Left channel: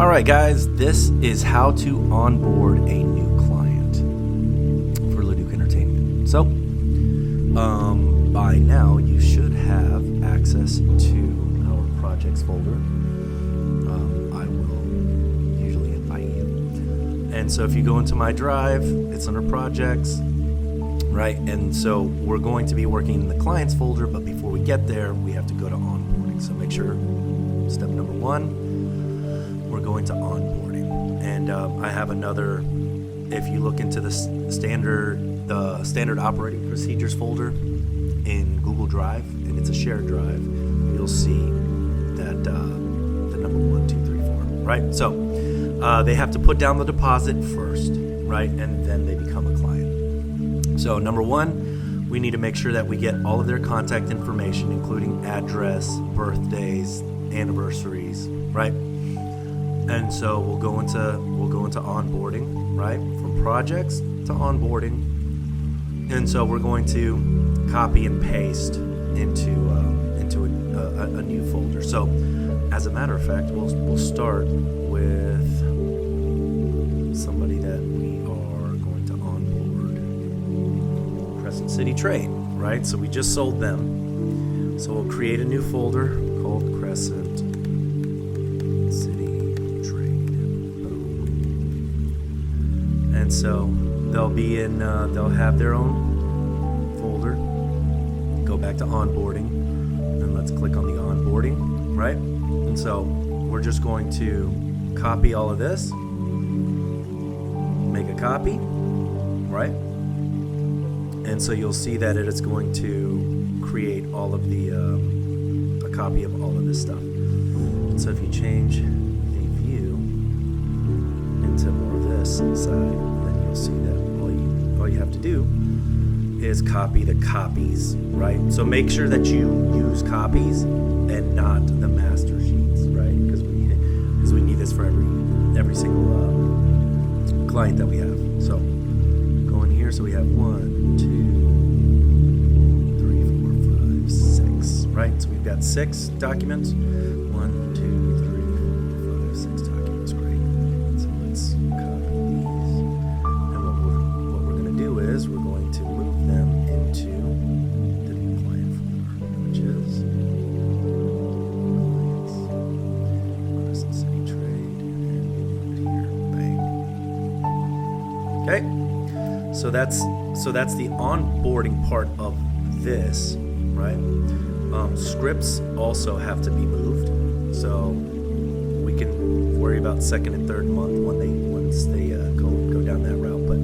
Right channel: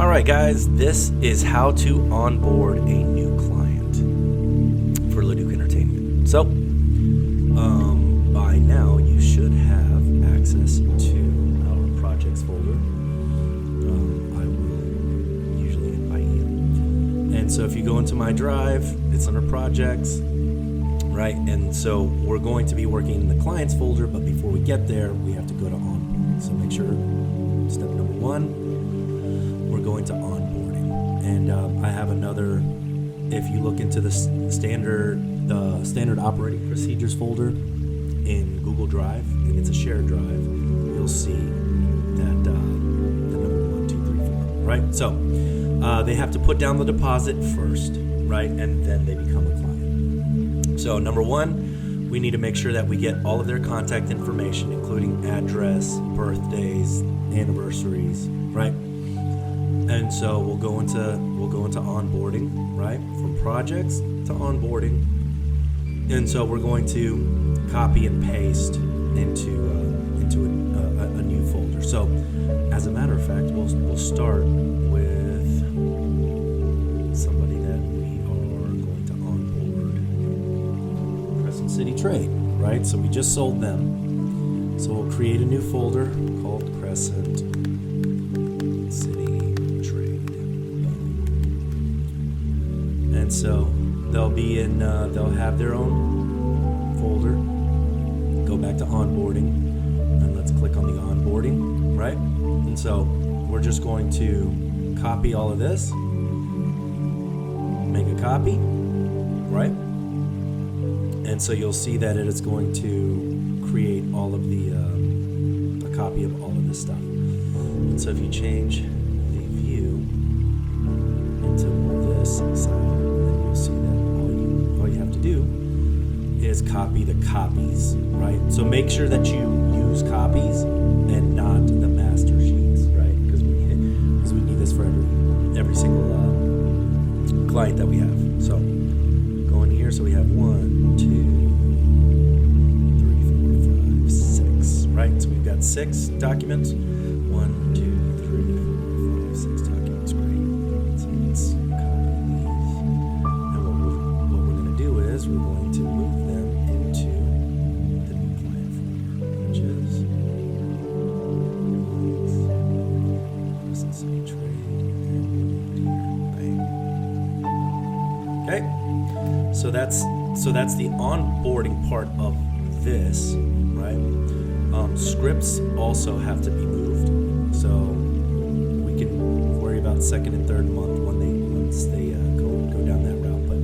All right, guys, this is how to onboard a new client for Leduc Entertainment. So, by now you should have access to our projects folder. I will usually invite you. And so if you go into my drive, it's under projects, right? And so we're going to be working in the clients folder, but before we get there, we have to go to onboarding. So make sure, step number one, we're going to onboarding. And I have another, if you look into the standard operating procedures folder in Google Drive, and it's a shared drive, you'll see that the number 1, 2, 3, 4, right? So they have to put down the deposit first, right? And then they become a client. So number one, we need to make sure that we get all of their contact information, including address, birthdays, anniversaries, right? And so we'll go into onboarding, right? From projects to onboarding. And so we're going to copy and paste into a new folder. So as a matter of fact, we'll start with somebody that we are going to onboard. Crescent City Trade, right? So we just sold them. So we'll create a new folder called Crescent City Trade. And so they'll be in, they'll have their own folder. Go back to onboarding, and let's click on the onboarding, right? And so we're just going to copy all of this, make a copy, right? And so you'll see that it is going to create all of the, a copy of all of this stuff. So if you change the view into more of this side, then you'll see that all you have to do is copy the copies, right? So make sure that you use copies and not the master sheets, right? Because we need this for every single client that we have. So go in here. So we have 1, 2, 3, 4, 5, 6, right? So we've got 6 documents. 1, 2, 3, 4, 5, 6 documents. Great. So let's copy these. And what we're going to do is we're going to move them into the new client folder, which is Crescent City Trade, and here, bang. Okay, so that's the onboarding part of this, right? Scripts also have to be moved, so we can worry about second and third month once they go down that route. But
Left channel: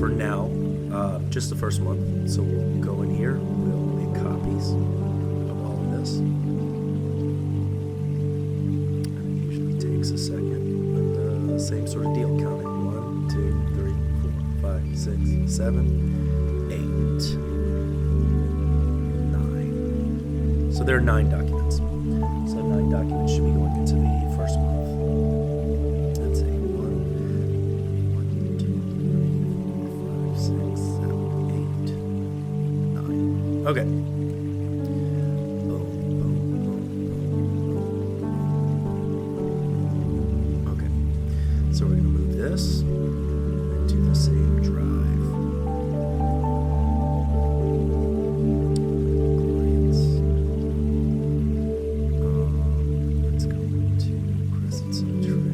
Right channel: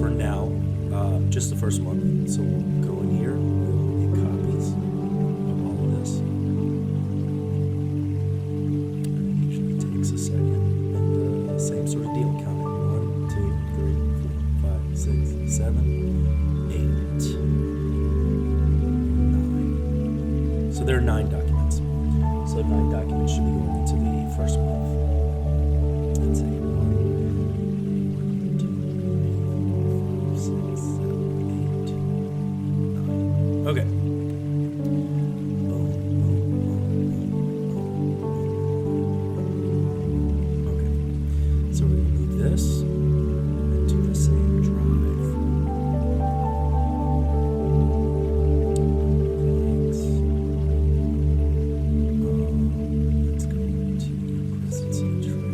for now, just the first month. So we'll go in here, we'll make copies of all of this. And it usually takes a second, but same sort of deal. Count it. 1, 2, 3, 4, 5, 6, 7, 8, 9. So there are 9 documents. So 9 documents should be going into the first month. Let's see. 1, 2, 3, 4, 5, 6, 7, 8, 9. Okay. Okay. So we're going to move this into the same drive. Clients. Let's go to Crescent City Trade.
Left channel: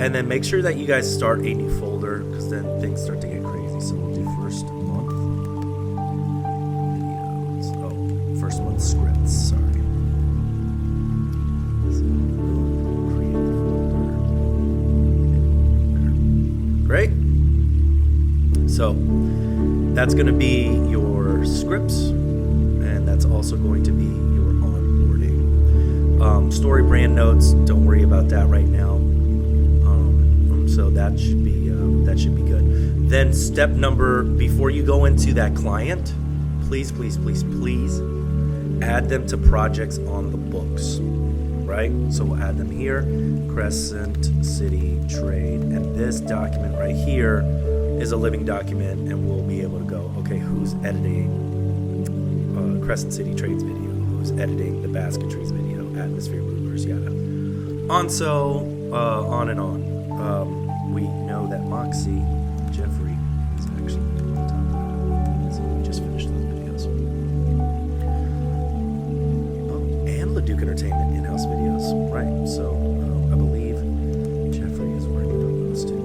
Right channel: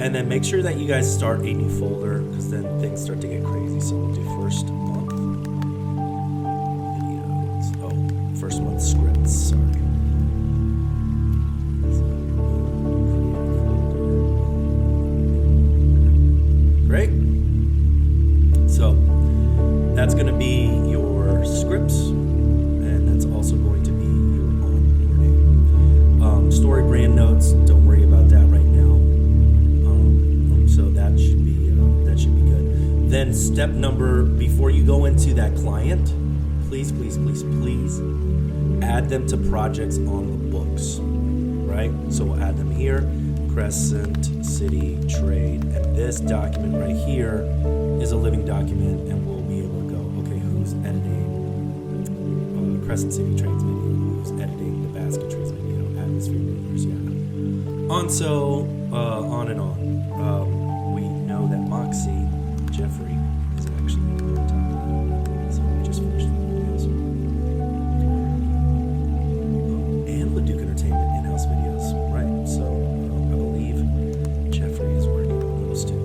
And then make sure that you guys start a new folder, because then things start to get crazy. So we'll do first month videos. Oh, first month scripts, sorry. So we'll create a folder. Great. So that's going to be your scripts, and that's also going to be your onboarding. Story brand notes, don't worry about that right now. So that should be good. Then step number, before you go into that client, please add them to projects on the books, right? So we'll add them here, Crescent City Trade, and this document right here is a living document, and we'll be able to go, okay, who's editing Crescent City Trade's video, who's editing the basketry's video, atmosphere movers, yeah. On and on. We know that Moxie Jeffrey is actually on top of that. So we just finished those videos. Oh, and Leduc Entertainment in-house videos. Right. So I believe Jeffrey is working on those too.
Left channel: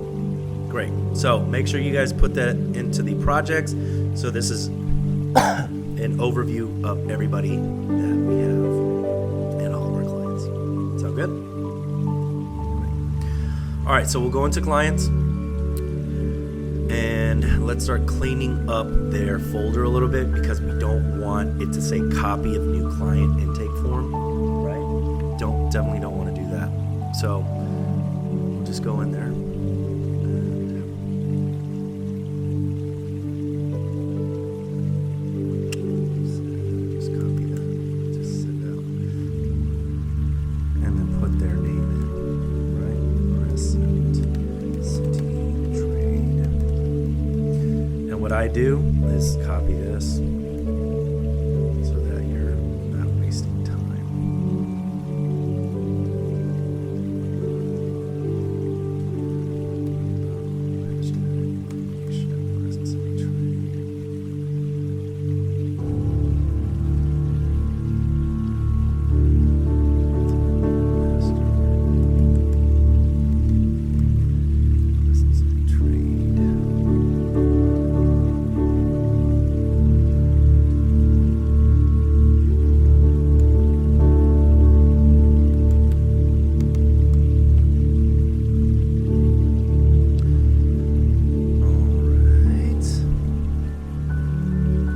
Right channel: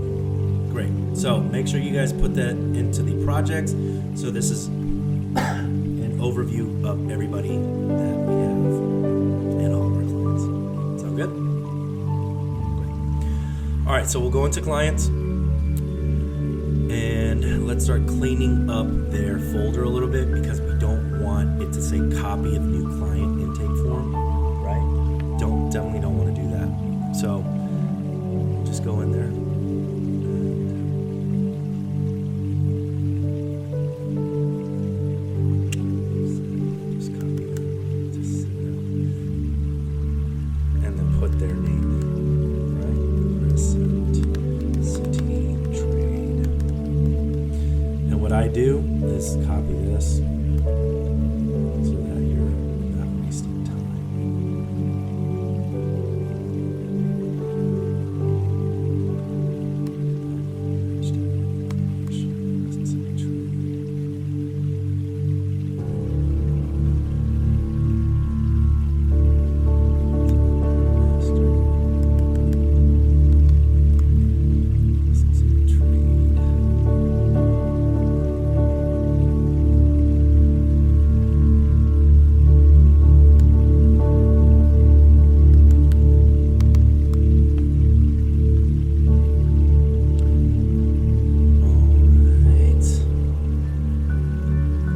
Great. So make sure you guys put that into the projects. So this is an overview of everybody that we have and all of our clients. Sound good? Great. All right, so we'll go into clients and let's start cleaning up their folder a little bit because we don't want it to say copy of new client intake form, right? Definitely don't want to do that. So we'll just go in there. What I do is copy this so that you're not wasting time.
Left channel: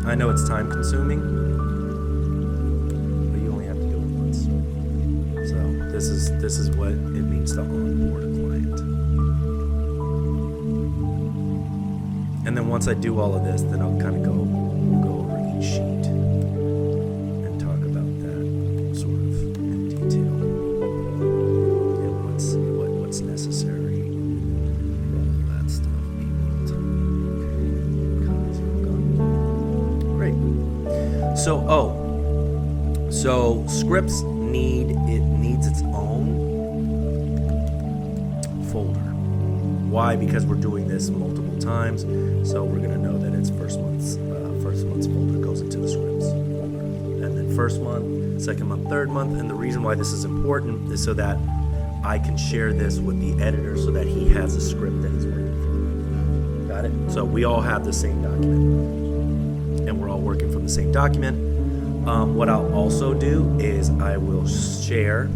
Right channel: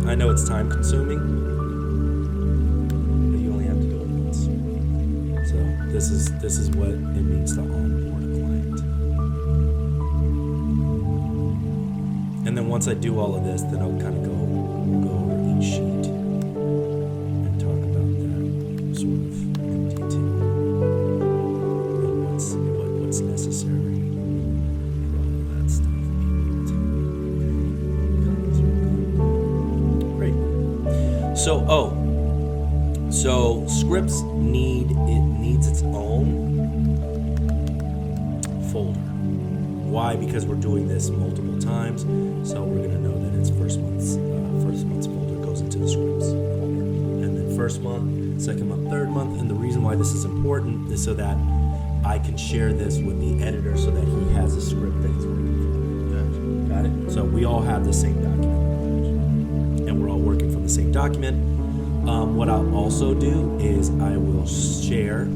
I know it's time consuming, but you only have to do it once. So this is what it means to onboard a client. And then once I do all of this, then I'll kind of go over each sheet and talk about that sort of in detail and what's necessary for all of that stuff. Great. So scripts needs its own folder. Why? Because we're doing this multiple times, so we're gonna know that it's first month's folder goes into the scripts folder, and then first month, second month, third month. And the reason why this is important is so that I can share this with the editor so that he has a script that he's working from. Got it? So we all have the same document, and we're all working from the same document. What I'll also do is I will share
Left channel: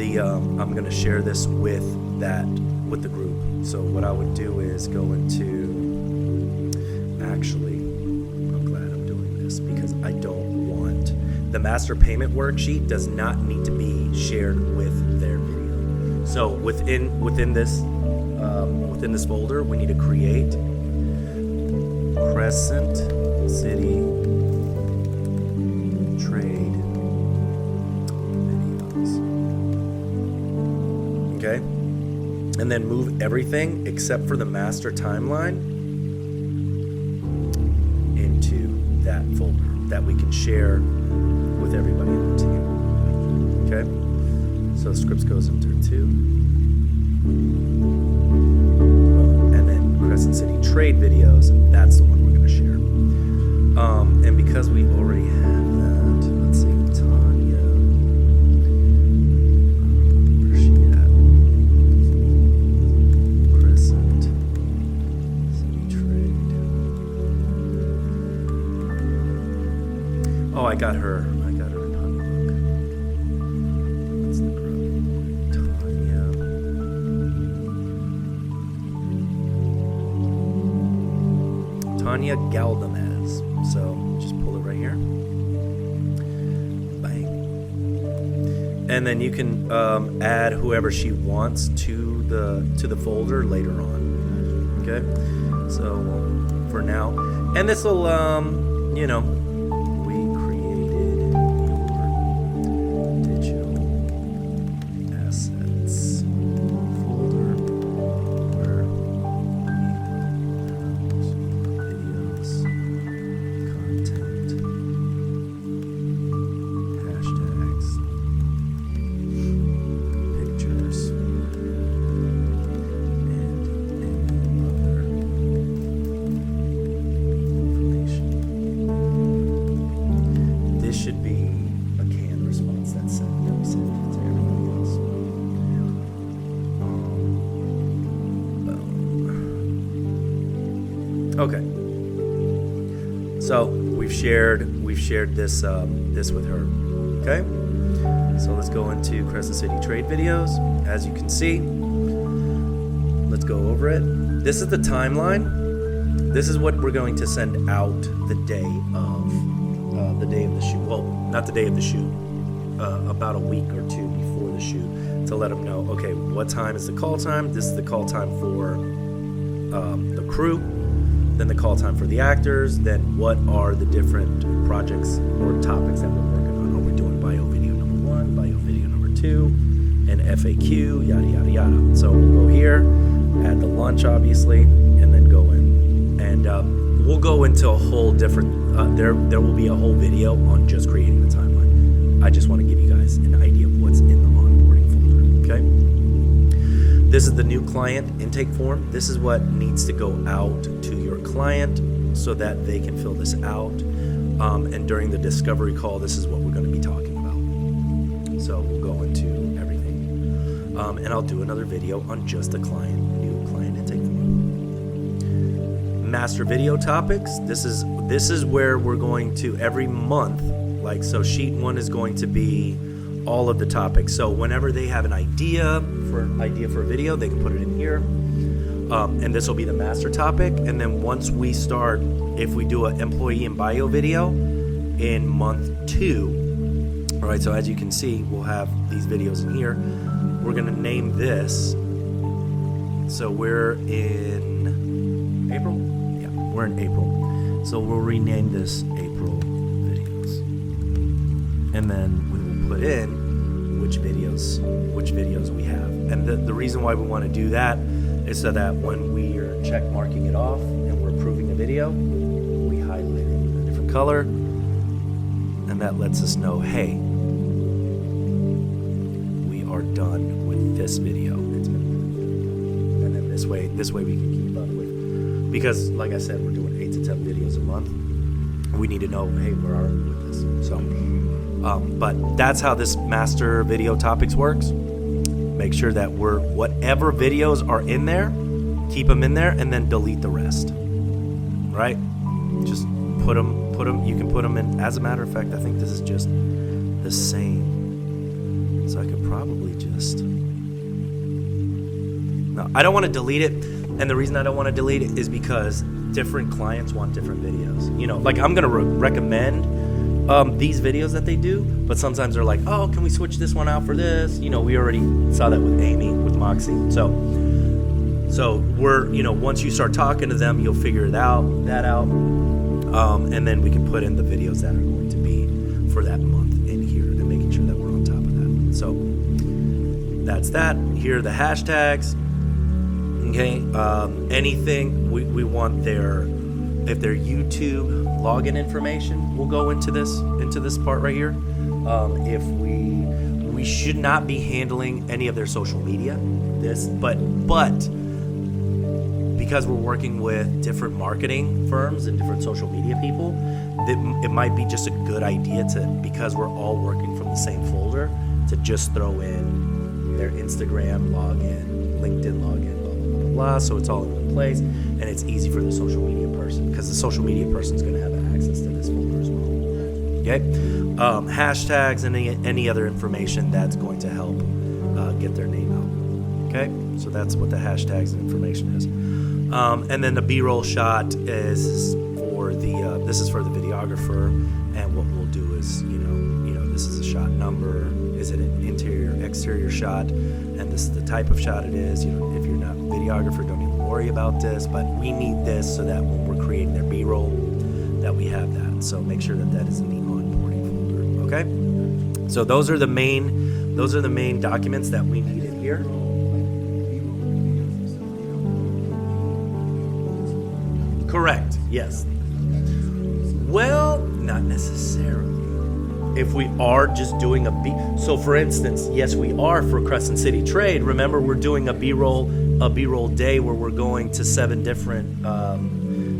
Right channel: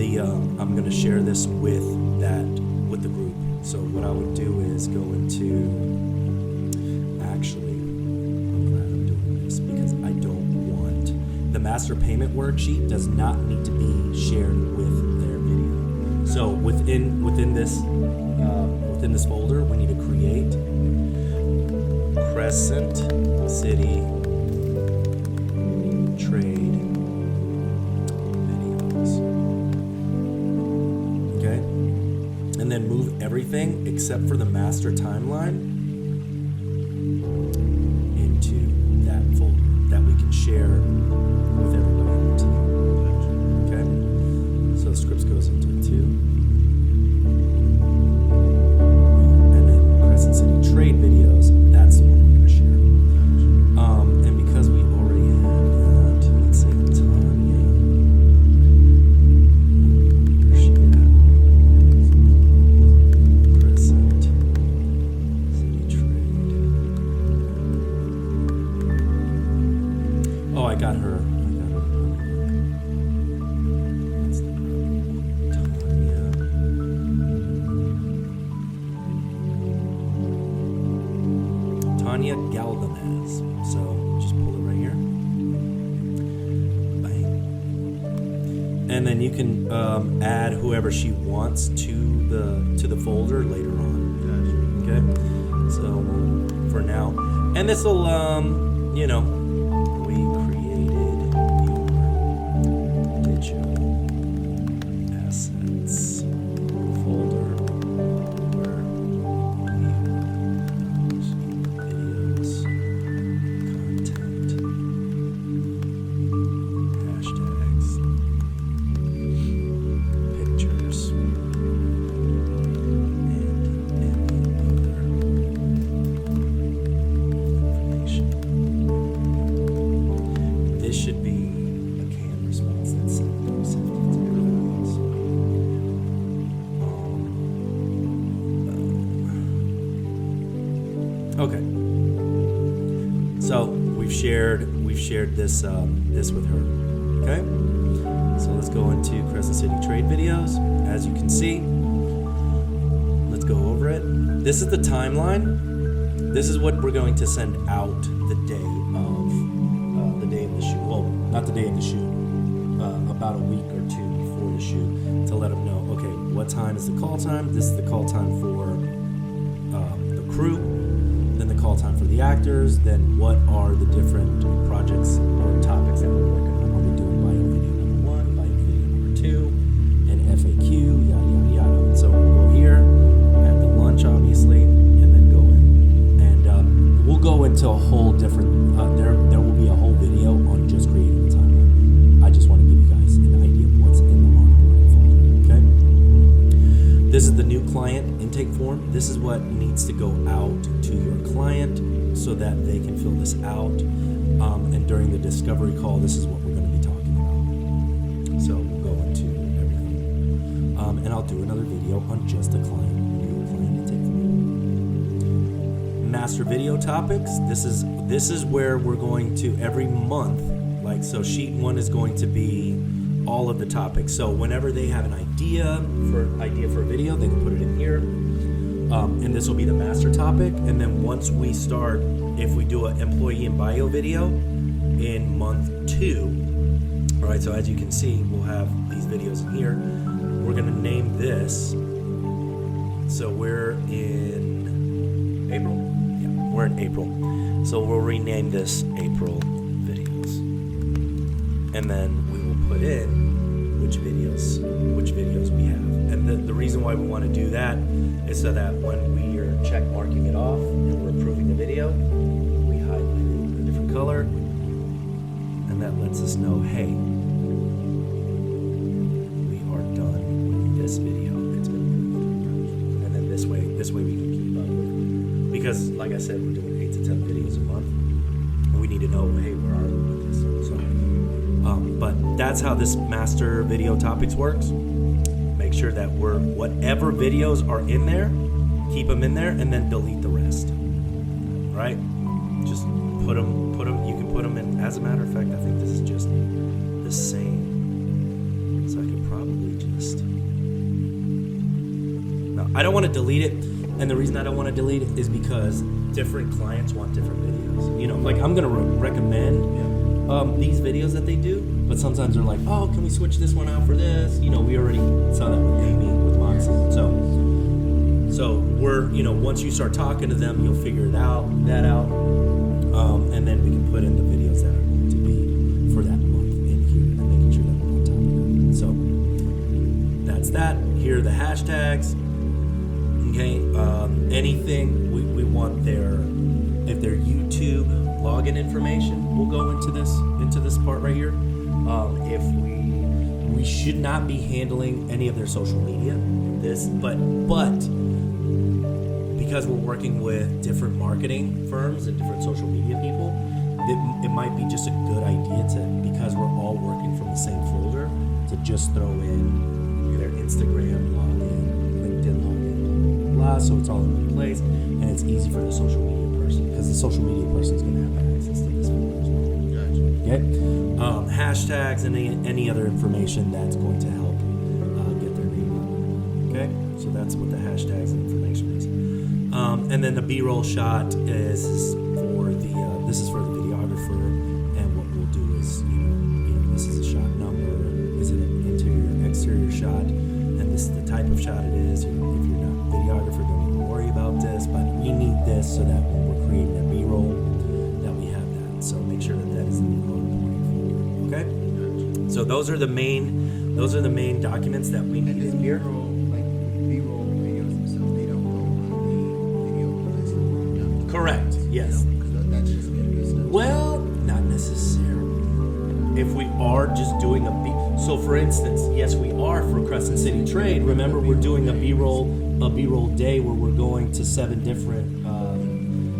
I'm going to share this with the group. So what I would do is go into, actually, I'm glad I'm doing this because I don't want, the master payment worksheet does not need to be shared with their video. So within this folder, we need to create Crescent City Trade videos. Okay? And then move everything except for the master timeline into that folder that we can share with everybody on the team. Okay? So scripts goes into 2. And then Crescent City Trade videos, that's the one we're going to share. And because we already have that, let's see, Tanya. Where's she at? Crescent City Trade. Oh, I got her. That's the girl. Tanya Galvamez. So just pull it right here. Bang. And then you can add whoever she wants to the folder later on. Okay. So for now, and this will we created your digital assets folder where we videos, content, hashtags, Okay. So we've shared this this with her. Okay. So let's go into Crescent City Trade videos. As you can see, let's go over it. This is the timeline. This is what we're going to send out the day of the shoot. Well, not the day of the shoot. About a week or two before the shoot, to let them know, okay, what time is the call time? This is the call time for the crew, then the call time for the actors, then what are the different projects or topics that we're working on. Are we doing bio video number 1, bio video number 2, and FAQ, yada, yada, yada. So we'll go here, add the lunch, obviously, and then go in. And we'll go into a whole different, there will be a whole video on just creating the timeline. I just want to give you guys an idea of what's in the onboarding folder, okay? This is the new client intake form. This is what needs to go out to your client so that they can fill this out. And during the discovery call, this is what we're going to be talking about. So we'll go into everything. And I'll do another video on just the new client intake form. Master video topics. This is where we're going to every month. Like, so sheet 1 is going to be all of the topics. So whenever they have an idea for a video, they can put it in here. And this will be the master topic. And then once we start, if we do an employee and bio video in month 2, all right, so as you can see, we'll have these videos in here. We're going to name this. So we're in April? Yeah, we're in April. So we'll rename this April videos. And then we will put in which videos we have. And the reason why we want to do that is so that when we are check marking it off and we're approving the video, we highlight it in a different color, and that lets us know, hey, we are done with this video. It's been approved. And then this way we can keep up with, because like I said, we're doing 8 to 10 videos a month. We need to know, hey, where are we with this? So, but that's how this master video topics works. Make sure that whatever videos are in there, keep them in there, and then delete the rest. Right? Just put them. You can put them in. As a matter of fact, I think this is just the same. So I could probably just. No, I don't want to delete it, and the reason I don't want to delete it is because different clients want different videos. You know, like I'm gonna recommend these videos that they do, but sometimes they're like, oh, can we switch this one out for this? You know, we already saw that with Amy, with Moxie. So we're, you know, once you start talking to them, you'll figure that out, and then we can put in the videos that are going to be for that month in here, and making sure that we're on top of that. So that's that. Here are the hashtags. Okay, anything we want if their YouTube login information, we'll go into this part right here. If we should not be handling any of their social media, but because we're working with different marketing firms and different social media people, it might be just a good idea because we're all working from the same folder, to just throw in their Instagram login, LinkedIn login, blah, blah, blah, so it's all in one place, and it's easy for the social media person, because the social media person is going to have access to this folder as well. Okay, hashtags and any other information that's going to help get their name out. Okay, so that's what the hashtags and information is. And then the B-roll shot is for this is for the videographer, and what we'll do is, you know, this is a shot number. Is it an interior, exterior shot? And this is the type of shot it is. You know, if you're not a videographer, don't even worry about this. But we need this so that when we're creating their B-roll, that we have that. So make sure that is in the onboarding folder. Okay. So those are the main documents that we need in here. Correct. Yes. Well, not necessarily. If we are just doing so for instance, yes, we are for Crescent City Trade. Remember, we're doing a B-roll day where we're going to 7 different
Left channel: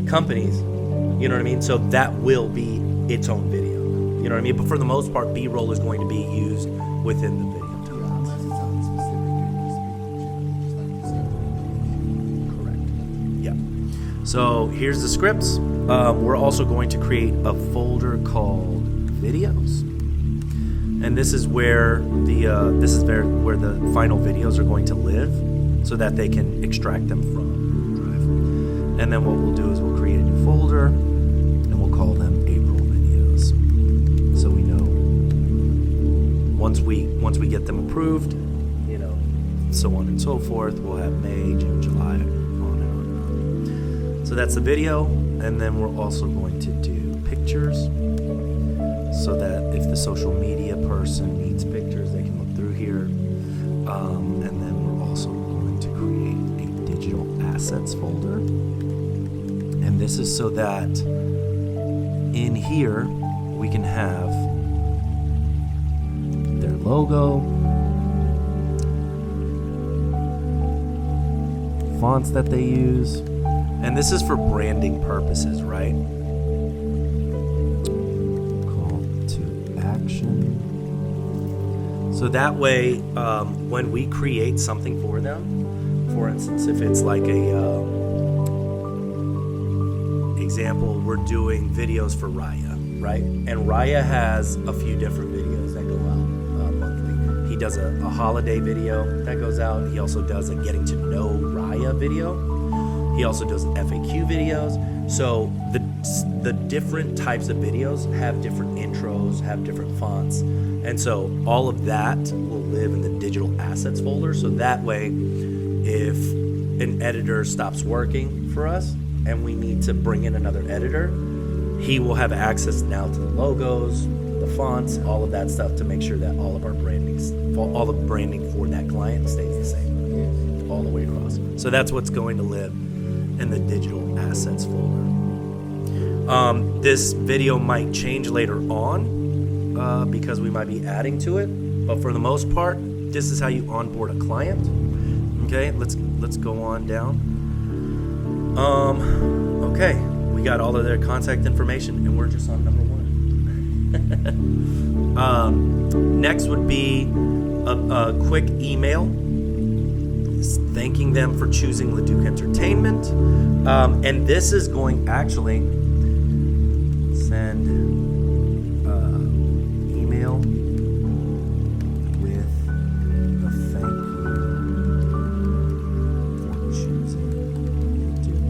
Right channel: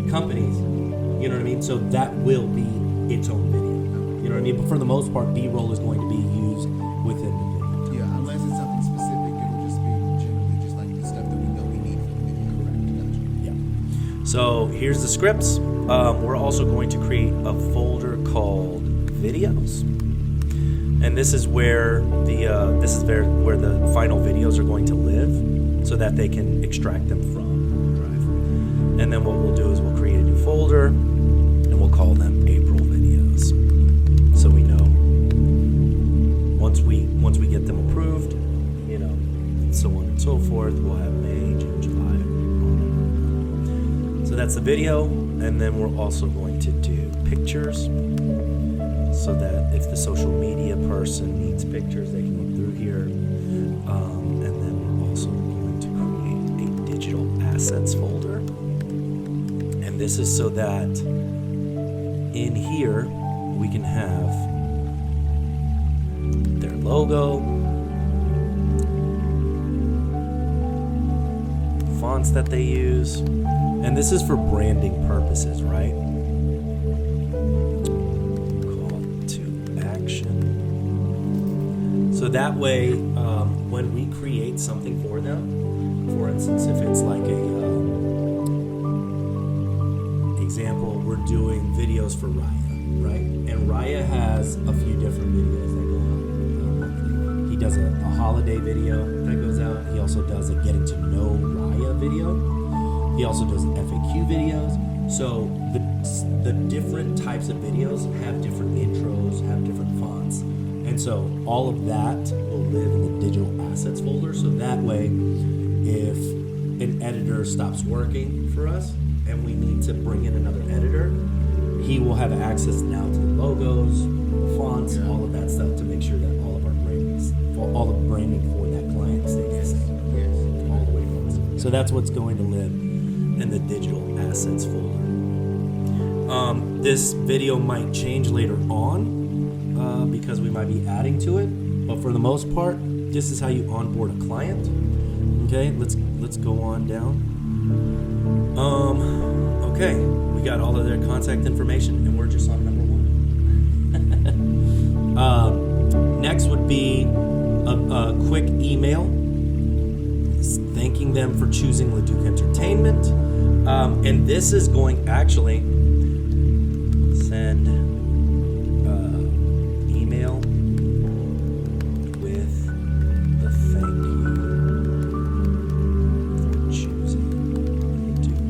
companies. You know what I mean? So that will be its own video. You know what I mean? But for the most part, B-roll is going to be used within the video. Yeah, unless it's something specific, it would just be generally just like the stuff that we know we need from the video. Correct. Yeah. So here's the scripts. We're also going to create a folder called videos, and this is where where the final videos are going to live, so that they can extract them from Google Drive. And then what we'll do is we'll create a new folder, and we'll call them April videos. So we know once we get them approved, so on and so forth, we'll have May, June, July, on and on. So that's the video, and then we're also going to do pictures, so that if the social media person needs pictures, they can look through here. And then we're also going to create a digital assets folder. And this is so that in here we can have their logo, fonts that they use, and this is for branding purposes, right? So that way, when we create something for them, for instance, if it's like example, we're doing videos for Raya, right? And Raya has a few different videos that go out monthly. He does a holiday video that goes out. He also does a getting to know Raya video. He also does FAQ videos. So the different types of videos have different intros, have different fonts. And so all of that will live in the digital assets folder. So that way, if an editor stops working for us and we need to bring in another editor, he will have access now to the logos, the fonts, all of that stuff, to make sure that all of the branding for that client stays the same, all the way across. So that's what's going to live in the digital assets folder. This video might change later on, because we might be adding to it, but for the most part, this is how you onboard a client. Okay, let's go on down. Okay, we got all of their contact information, and we're just on number 1. Next would be a quick email thanking them for choosing Leduc Entertainment, and this is going actually send email with the thank you for choosing Leduc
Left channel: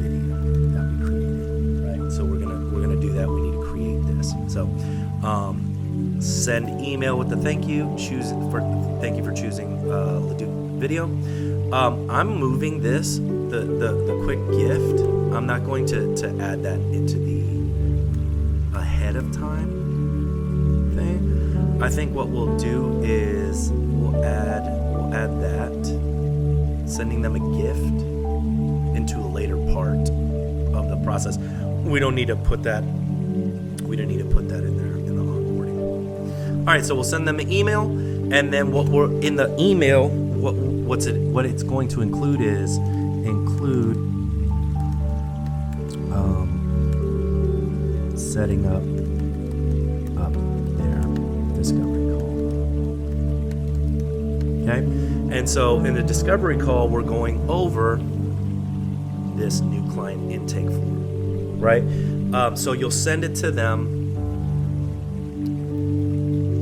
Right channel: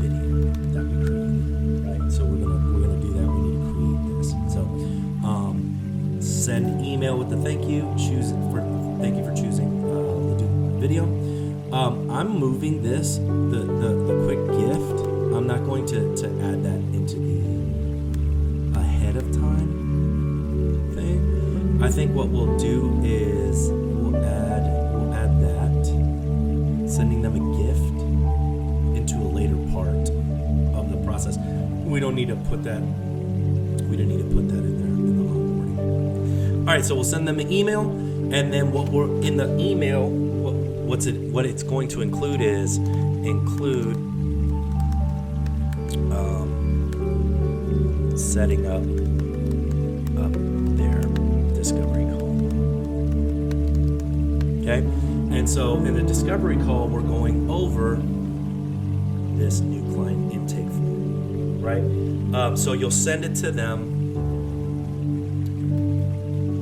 video that we created, right? So we're gonna do that. We need to create this. So send email with the thank you for choosing Leduc video. I'm moving this the quick gift. I'm not going to add that into the ahead of time thing. I think what we'll do is we'll add that, sending them a gift, into a later part of the process. We don't need to put that in there in the onboarding. All right, so we'll send them an email, and then what we're in the email, what it's going to include is setting up their discovery call. Okay, and so in the discovery call, we're going over this new client intake form, right? So you'll send it to them.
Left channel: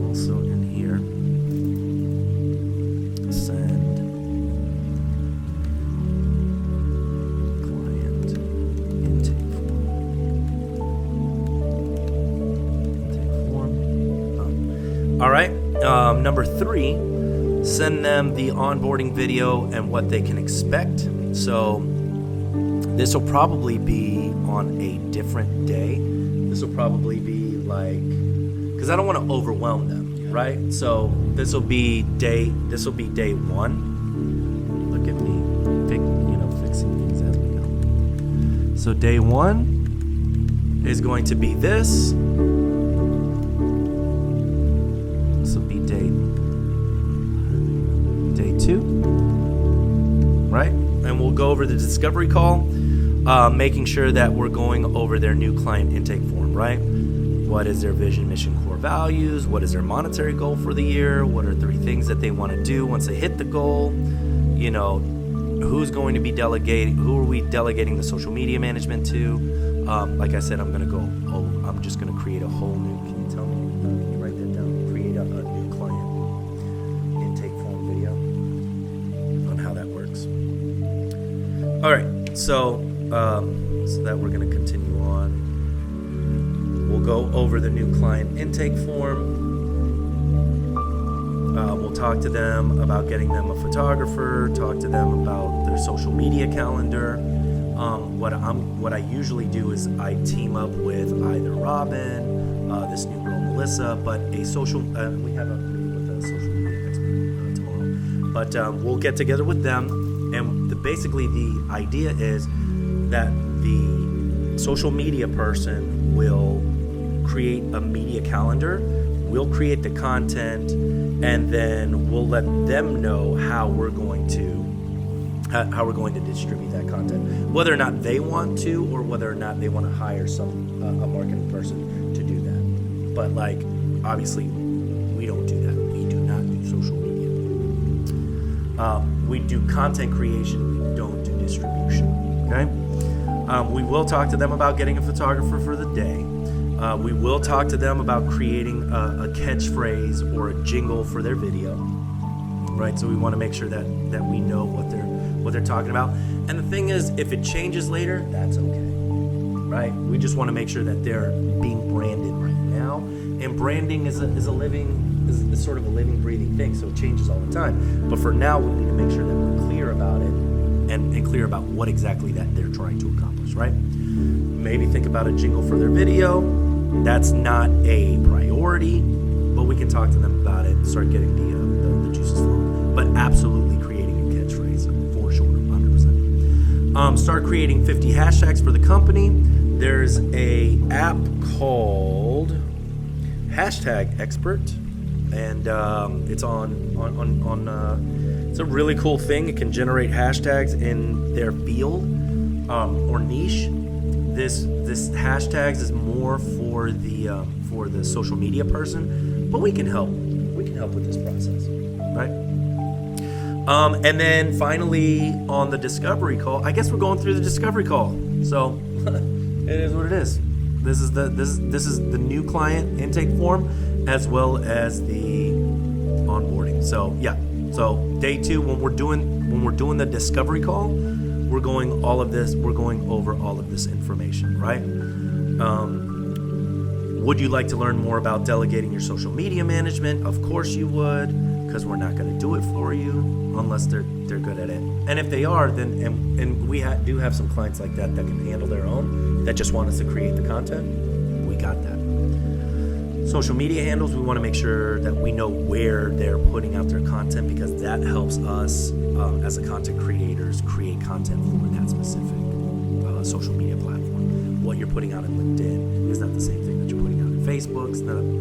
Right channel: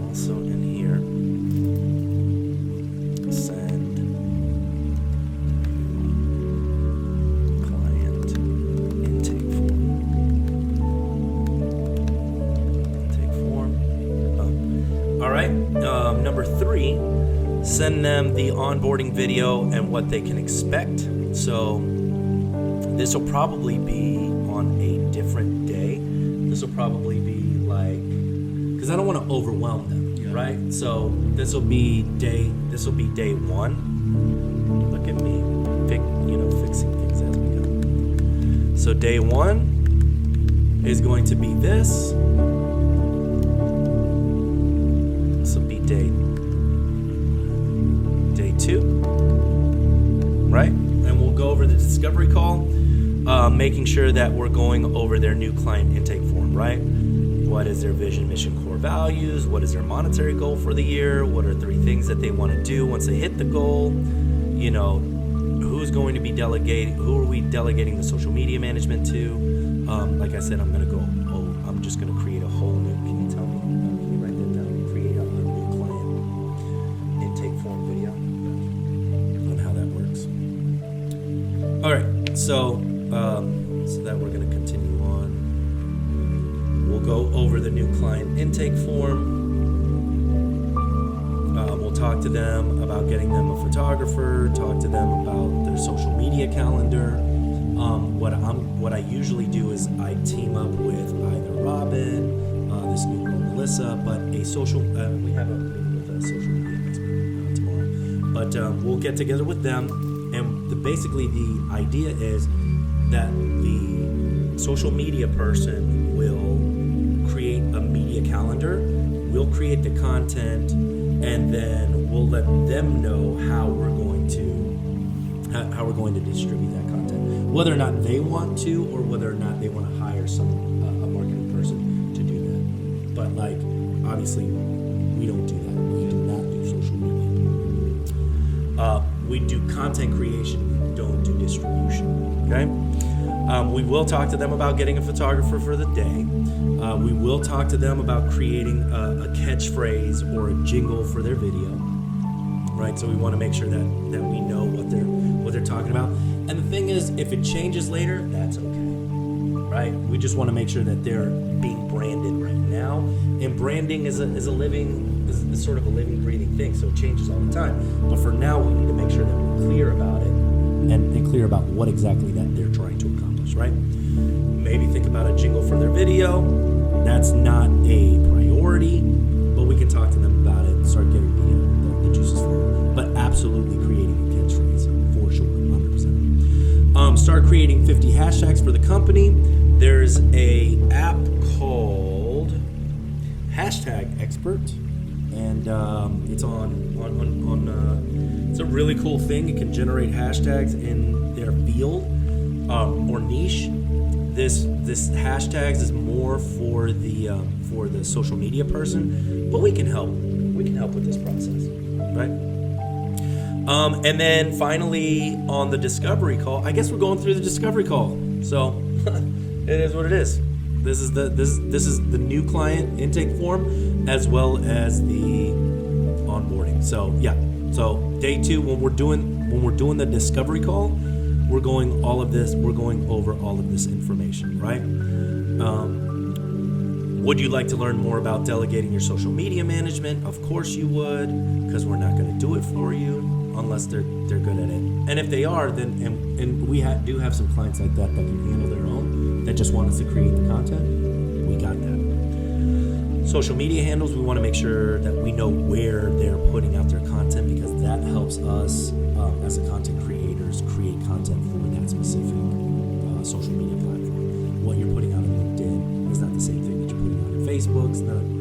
Also in here, send client intake form. All right. Number 3, send them the onboarding video and what they can expect. So this will probably be on a different day. This will probably be like, because I don't want to overwhelm them, right? So this will be day 1. Look at me, fixing things as we go. So day 1 is going to be this. This will be day 2, right? And we'll go over the discovery call, making sure that we're going over their new client intake form, right? What is their vision, mission, core values? What is their monetary goal for the year? What are 3 things that they want to do once they hit the goal? Who who's going to be delegating? Who are we delegating the social media management to? Like I said, I'm just going to create a whole new. Can you tell me? Let me write that down. Create a new client intake form video on how that works. All right, so that we're going to continue on. We'll go over the new client intake form. We'll talk to them about getting them a photographer, talk to them about their social media calendar. What I usually do is I team up with either Robin, this new girl Melissa, but we have a meeting with a social media expert tomorrow. But we'll get together with them, and basically the idea is that the social media person will create a media calendar. We'll create the content, and then we'll let them know how we're going to distribute that content, whether or not they want to, or whether or not they want to hire a marketing person to do that. But obviously, we don't do that. We do not do social media. We do content creation. We don't do distribution. Okay. We will talk to them about getting a photographer for the day. We will talk to them about creating a catchphrase or a jingle for their video, right? So we want to make sure that we know what they're talking about. And the thing is, if it changes later, that's okay, right? We just want to make sure that they're being branded right now. And branding is sort of a living, breathing thing, so it changes all the time. But for now, we need to make sure that we're clear about it and clear about what exactly that they're trying to accomplish, right? Maybe think about a jingle for their video. That's not a priority, but we can talk to them about it and start getting the juices flowing. But absolutely creating a catchphrase, for sure, 100%. Start creating 50 hashtags for the company. There's a app called Hashtag Expert, and it's it's a really cool thing. It can generate hashtags in their field or niche. This hashtags is more for the social media person, but we can help with this process, right? And then finally on the discovery call, I guess we're going through the discovery call. So it is what it is. This is the new client intake form as well as the onboarding. So yeah. So day 2, when we're doing the discovery call, we're going over all of this information, right? Would you like to learn more about delegating your social media management? Of course you would, because we're not going to do it for you unless they're good at it. And if they are, then and we do have some clients like that can handle their own, that just want us to create the content. We got that. Social media handles, we want to make sure that we know where they're putting out their content, because that helps us as a content creators create content for that specific social media platform. What you're putting out on LinkedIn is not the same thing that you're putting out on Facebook.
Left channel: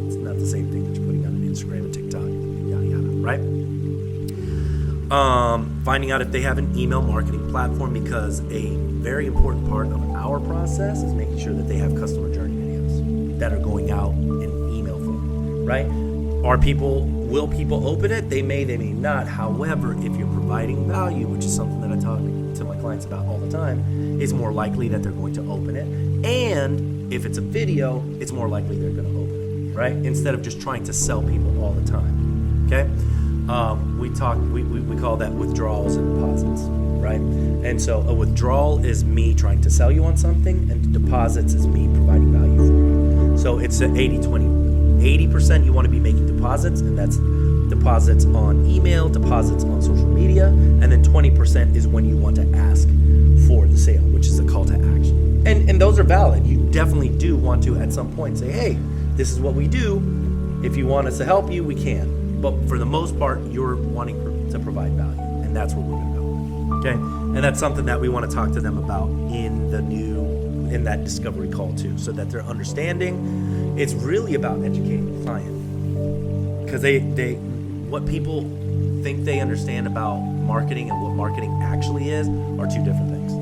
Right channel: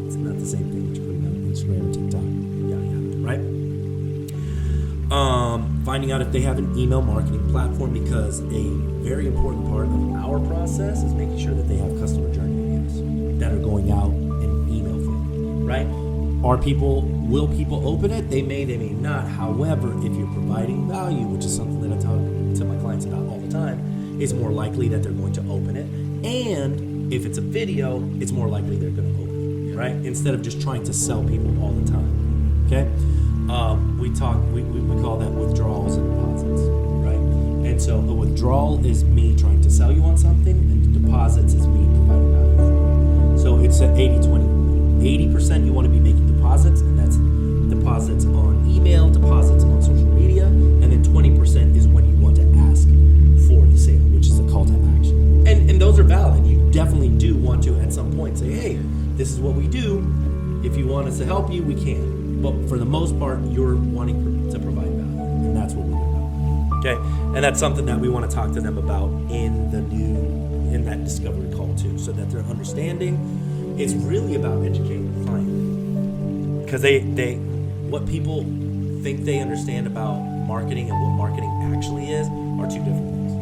It's not the same thing that you're putting out on Instagram and TikTok, yada yada, right? Finding out if they have an email marketing platform, because a very important part of our process is making sure that they have customer journey videos that are going out in email form, right? Will people open it? They may not. However, if you're providing value, which is something that I talk to my clients about all the time, it's more likely that they're going to open it. And if it's a video, it's more likely they're going to open it, right? Instead of just trying to sell people all the time, okay? We call that withdrawals and deposits, right? And so a withdrawal is me trying to sell you on something, and deposits is me providing value for you. So it's an 80-20. 80% you want to be making deposits, and that's deposits on email, deposits on social media, and then 20% is when you want to ask for the sale, which is a call to action. And those are valid. You definitely do want to at some point say, hey, this is what we do. If you want us to help you, we can. But for the most part, you're wanting to provide value, and that's what we're going to go. Okay? And that's something that we want to talk to them about in that discovery call too, so that they're understanding. It's really about educating the client, because what people think they understand about marketing and what marketing actually is are two different things,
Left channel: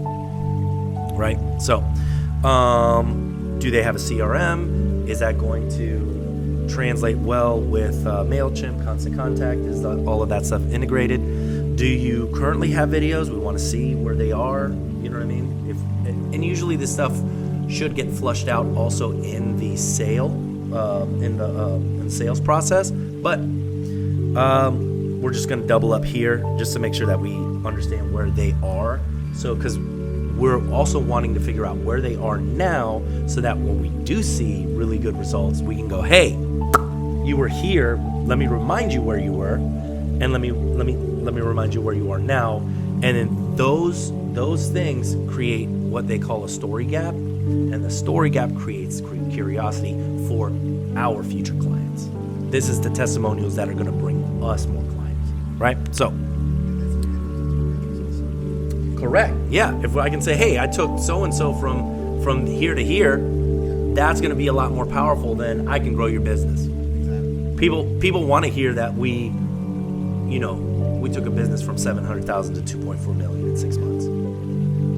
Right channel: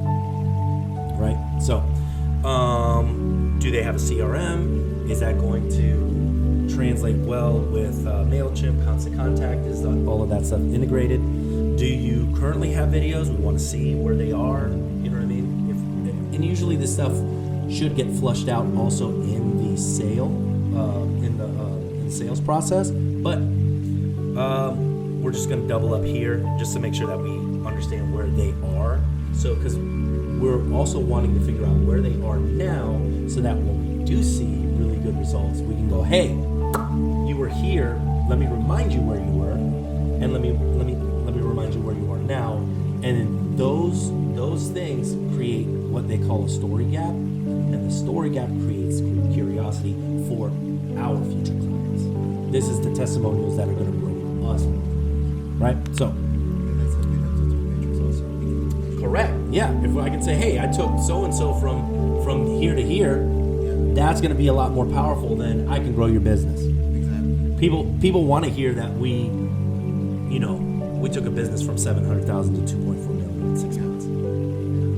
right? So, do they have a CRM? Is that going to translate well with MailChimp, Constant Contact? Is all of that stuff integrated? Do you currently have videos? We want to see where they are. You know what I mean? And usually this stuff should get flushed out also in the sale, in the sales process. But we're just going to double up here just to make sure that we understand where they are. So, because we're also wanting to figure out where they are now, so that when we do see really good results, we can go, hey, you were here. Let me remind you where you were, and let me remind you where you are now. And then those things create what they call a story gap, and the story gap creates curiosity for our future clients. This is the testimonials that are going to bring us more clients, right? So, correct. Yeah. If I can say, hey, I took so-and-so from here to here, that's going to be a lot more powerful than I can grow your business. Exactly. People want to hear that we took a business from 700,000 to 2.4 million in 6 months.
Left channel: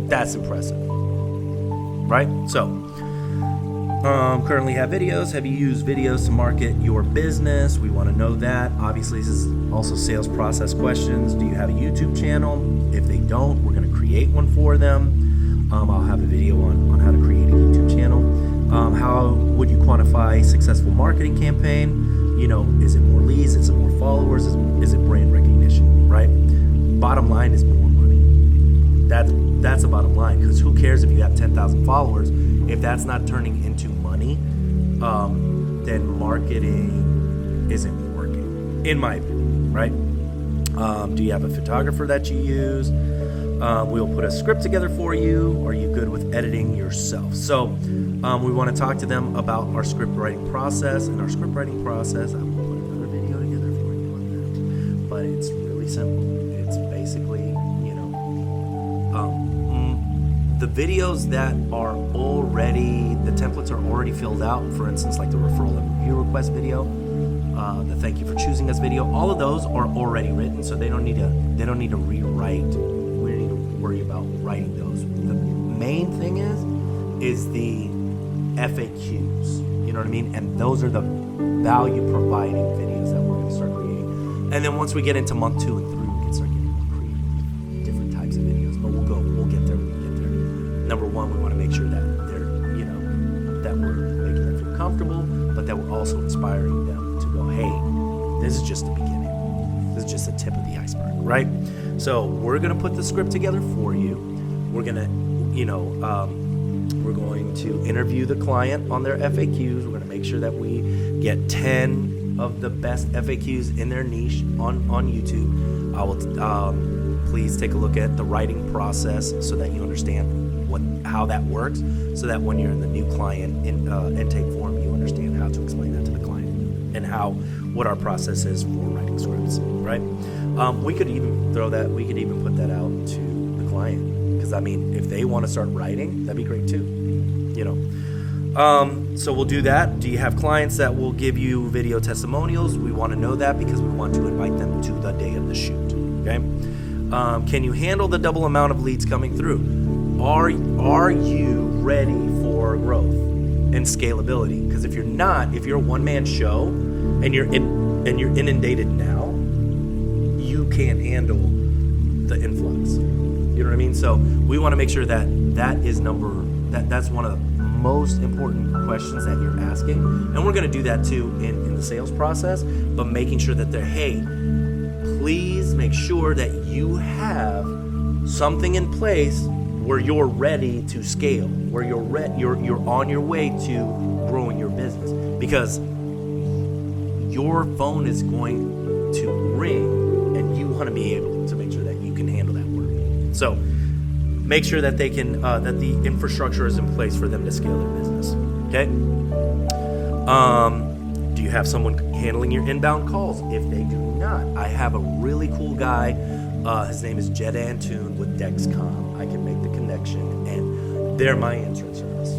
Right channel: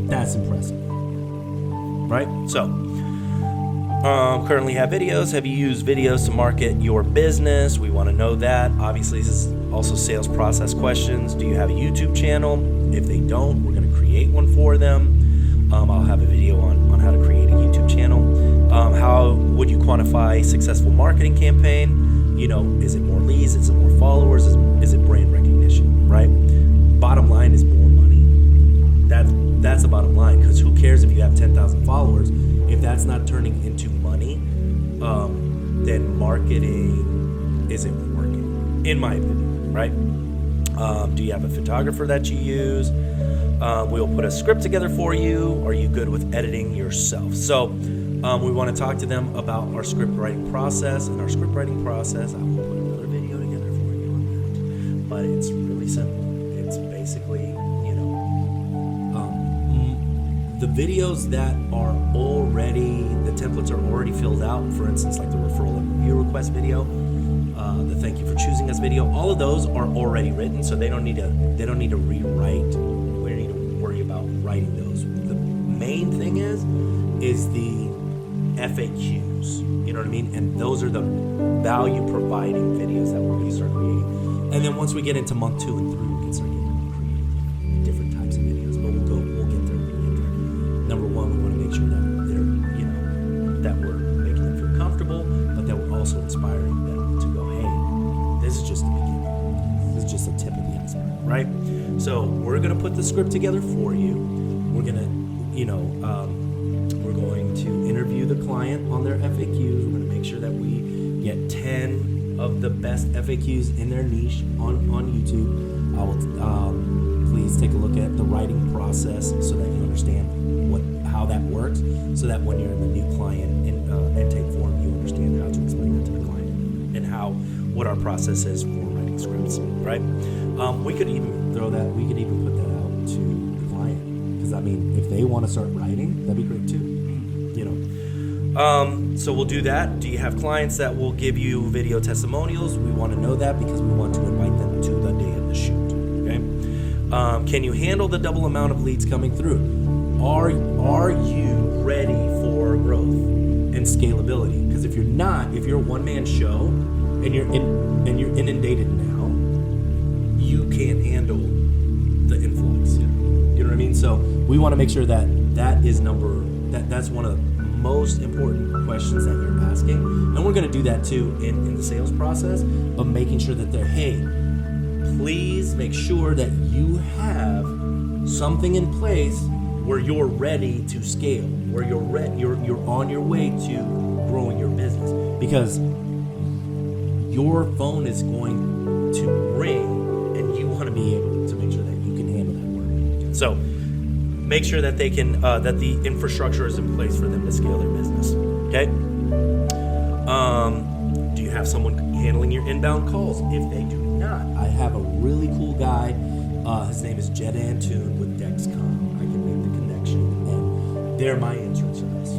That's impressive, right? So, currently have videos. Have you used videos to market your business? We want to know that. Obviously, this is also sales process questions. Do you have a YouTube channel? If they don't, we're going to create one for them. I'll have a video on how to create a YouTube channel. How would you quantify successful marketing campaign? Is it more leads? Is it more followers? Is it brand recognition, right? Bottom line is more money. That's the bottom line, because who cares if you have 10,000 followers? If that's not turning into money, then marketing isn't working, in my opinion, right? Do you have a photographer that you use? We'll put a script together for you. Are you good with editing yourself? So we want to talk to them about our script writing process. And our script writing process, I will put another video together for you on that. But it's really simple. It's basically, the videos that are already, the templates are already filled out. For instance, like the referral and review request video, the thank you for choosing us video. All of those are already written, so they don't need to rewrite. We don't need to worry about writing those. The main thing is the FAQs. You know what I mean? And those are the value providing videos that we're going to start creating. And then once we get into month 2 and 3, we can start getting creative, different types of videos. But we'll get there. Number one, we want to make sure that they're, that we're making them feel comfortable, but that we're also inspiring them to go, hey, this is just the beginning. This is just the tip of the iceberg, right? So we're going to put the script together for you. We're going to, we're going to interview the client on their FAQs. We're going to make sure that we get 10 of the best FAQs in their niche on YouTube. I will please take a look at the writing process so that you understand how that works, so that when you're in the new client intake form, you understand how to explain that to the client and what our process is for writing scripts, right? We could even put that out to the client, because if they want to start writing, that'd be great too, so we'll do that. Do you have clients that will give you video testimonials? We want to know that, because we want to invite them to the day of the shoot. Okay. Can you handle the double amount of leads coming through? Are you ready for growth and scalability? Because if you're not, if you're a one-man show and you're inundated now, you can't handle the influx. You know what I mean? So we want to make sure that's one of the most important questions that you're asking, and we're going to do that too in the sales process. But making sure that please make sure that you have something in place where you're ready to scale, where you're on your way to growing your business, because your phone is going to ring, and you want to be able to make sure that you can handle that work. So make sure that they can that the infrastructure is in place for them to scale their business. Okay. Do you have someone handling your inbound calls? If they do not, I have a really cool guy. His name is Jed Antoon with Dexcom. I can make the connection, and they're my answering service.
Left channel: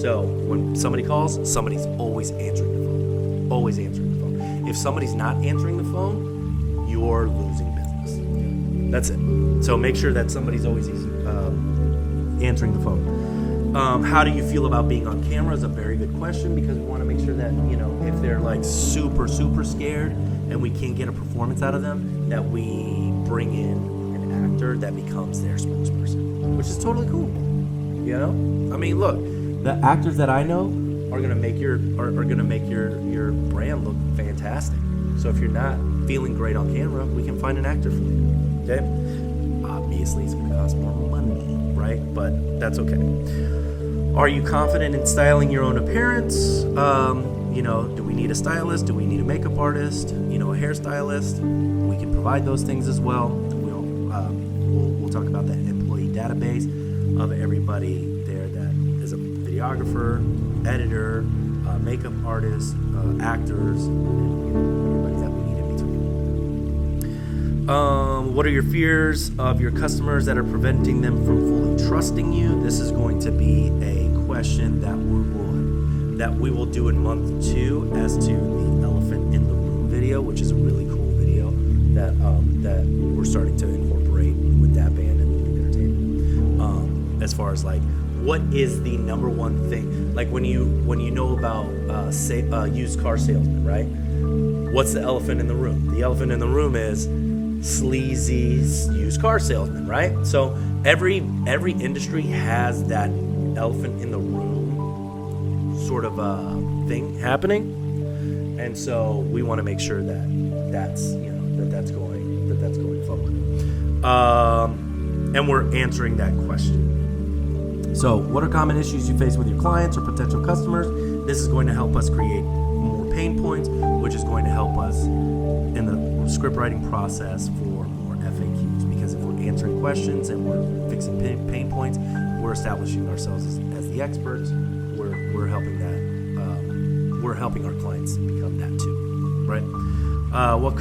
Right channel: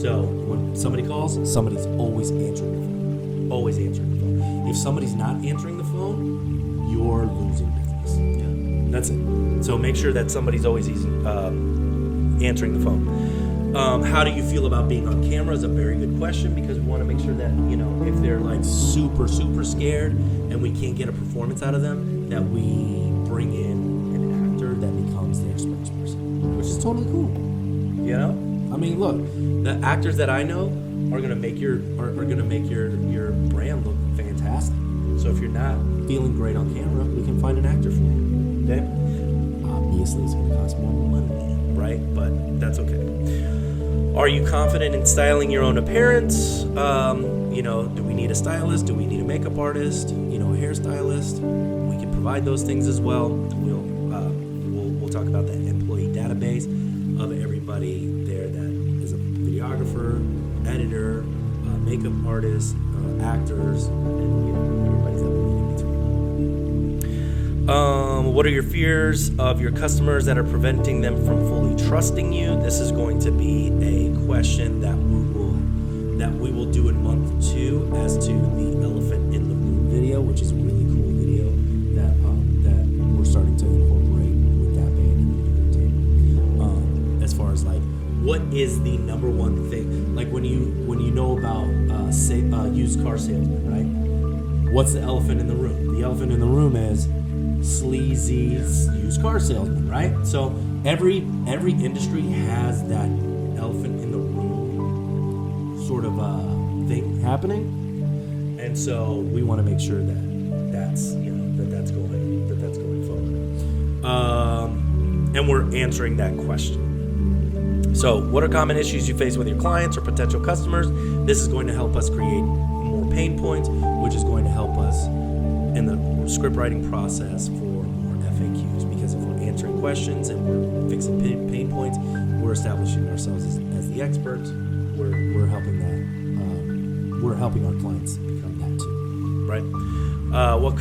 So when somebody calls, somebody's always answering the phone. Always answering the phone. If somebody's not answering the phone, you're losing business. Yeah. That's it. So make sure that somebody's always answering the phone. How do you feel about being on camera is a very good question, because we want to make sure that, if they're like super, super scared and we can't get a performance out of them, that we bring in an actor that becomes their spokesperson, which is totally cool. You know, I mean, look, the actors that I know are gonna make your brand look fantastic. So if you're not feeling great on camera, we can find an actor for you. Okay? Obviously, it's gonna cost more money, right? But that's okay. Are you confident in styling your own appearance? You know, do we need a stylist? Do we need a makeup artist? You know, a hairstylist? We can provide those things as well. We'll talk about that employee database of everybody there that is a videographer, editor, makeup artist, actors, and you know, everybody that we need in between. What are your fears of your customers that are preventing them from fully trusting you? This is going to be a question that we will do in month 2 as to the elephant in the room video, which is a really cool video that we're starting to incorporate with that band and entertainment. As far as like, what is the number one thing? Like when you know about used car salesmen, right? What's the elephant in the room? The elephant in the room is sleazy used car salesman, right? So every industry has that elephant in the room sort of thing happening, and so we want to make sure that's going forward. And we're answering that question. So, what are common issues you face with your clients or potential customers? This is going to help us create more pain points, which is going to help us in the script writing process for more FAQs. Because if we're answering questions and we're fixing pain points, we're establishing ourselves as the experts. We're helping that. We're helping our clients become that too, right? What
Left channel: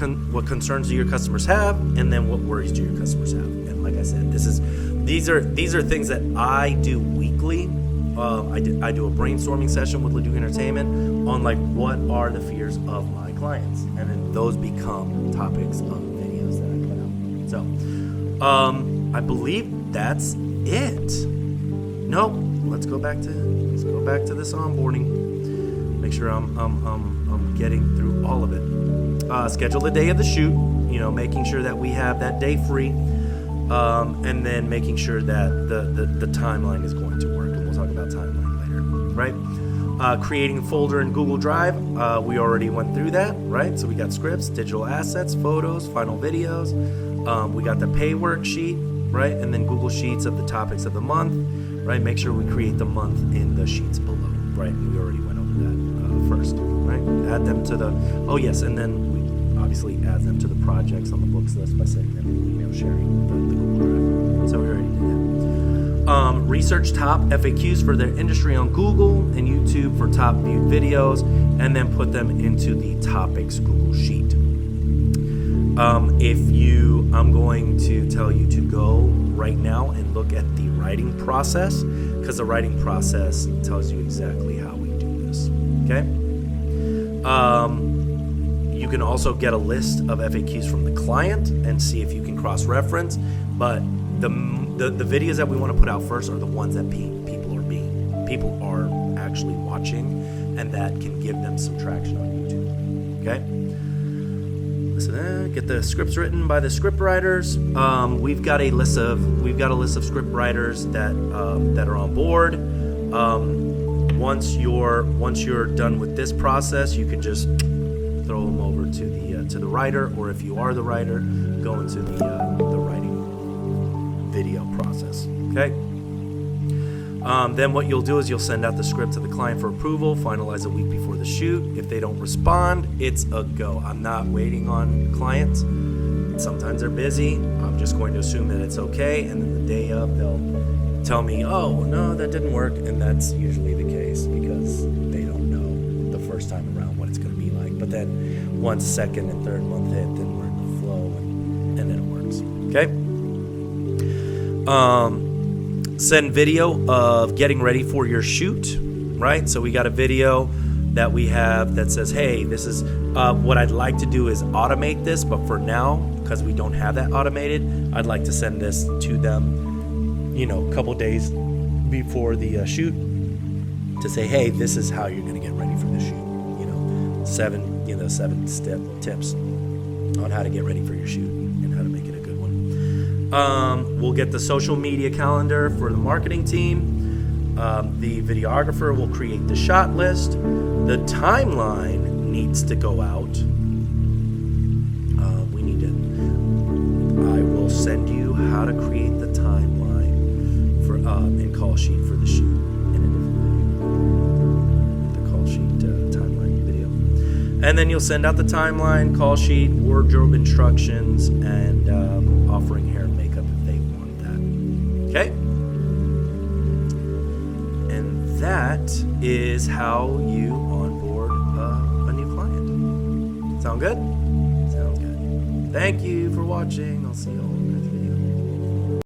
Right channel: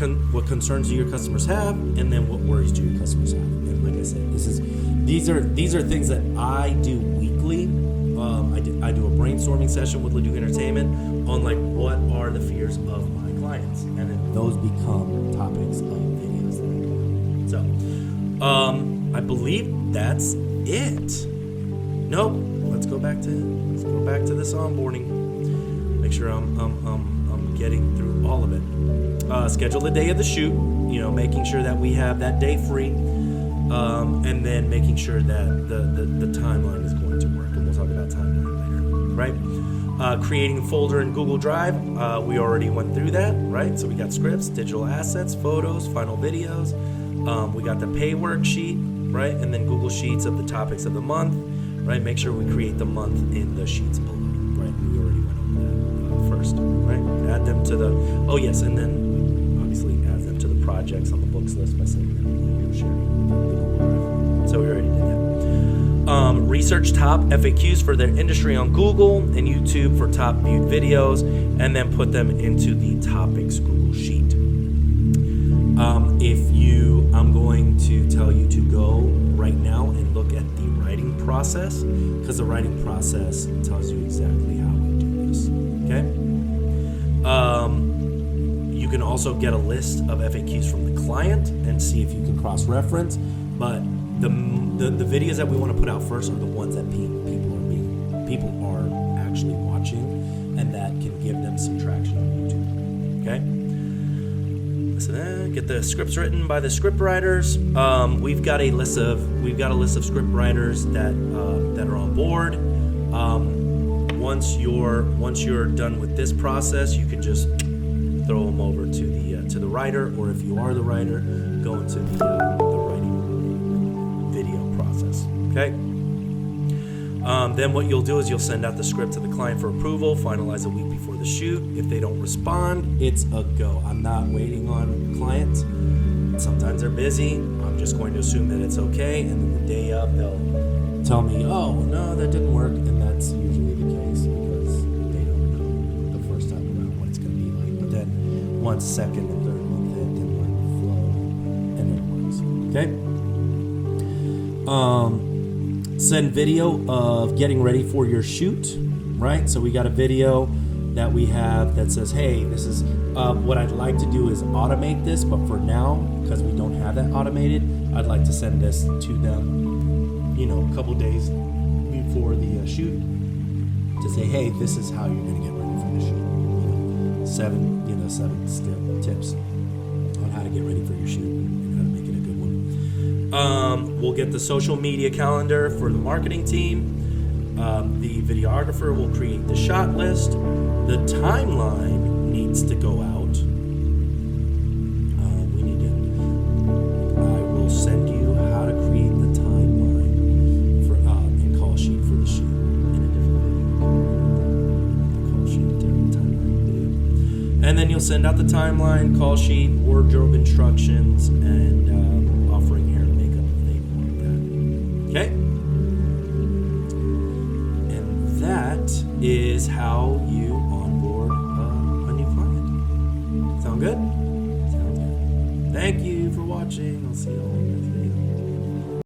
concerns do your customers have, and then what worries do your customers have? And like I said, these are things that I do weekly. I do a brainstorming session with Leduc Entertainment on like what are the fears of my clients, and then those become topics of videos that I put out. So I believe that's it. Nope. Let's go back to this onboarding. Make sure I'm getting through all of it. Schedule the day of the shoot. You know, making sure that we have that day free. And then making sure that the timeline is going to work, and we'll talk about timeline later, right? Creating a folder in Google Drive, we already went through that, right? So we got scripts, digital assets, photos, final videos. We got the pay worksheet, right? And then Google Sheets of the topics of the month, right? Make sure we create the month in the sheets below, right? We already went over that first, right? Add them to and then we obviously add them to the projects on the books list by sending them an email sharing the Google Drive. So we already did that. Research top FAQs for their industry on Google and YouTube for top viewed videos, and then put them into the topics Google Sheet. I'm going to tell you to go right now and look at the writing process, because the writing process tells you exactly how we do this. Okay. You can also get a list of FAQs from the client and see if you can cross-reference, but the videos that we want to put out first are the ones that people are actually watching, and that can give them some traction on YouTube. Okay. So get the scripts written by the script writers. We've got a list of script writers that are on board. Once you're done with this process, you can just throw them over to the writer, or if you are the writer, go into the writing video process. Okay. Then what you'll do is you'll send out the script to the client for approval, finalize a week before the shoot. If they don't respond, it's a go. I'm not waiting on clients. Sometimes they're busy. I'm just going to assume that it's okay, and then the day of they'll tell me, oh, no, that didn't work, and that's usually the case because they don't know the first time around what it's going to be like. But then once, second, and third month in, then we're flow, and then it works. Okay. Send video of getting ready for your shoot, right? So we got a video that we have that says, hey, this is what I'd like to do is automate this, but for now, because we don't have that automated, I'd like to send this to them, a couple days before the shoot to say, hey, this is how you're going to get ready for the shoot. 7 step tips on how to get ready for your shoot and how to make it a good one. We'll get the social media calendar for the marketing team. The videographer will create the shot list. The timeline needs to go out. I will send you how to create the timeline for in call sheet for the sheet in a different video. The call sheet timeline video. And then you'll send out the timeline, call sheet, wardrobe instructions, and offering hair and makeup if they want that. Okay? And that is how you onboard a new client. Sound good? Sounds good. Thank you for watching. I'll see you all in the next video.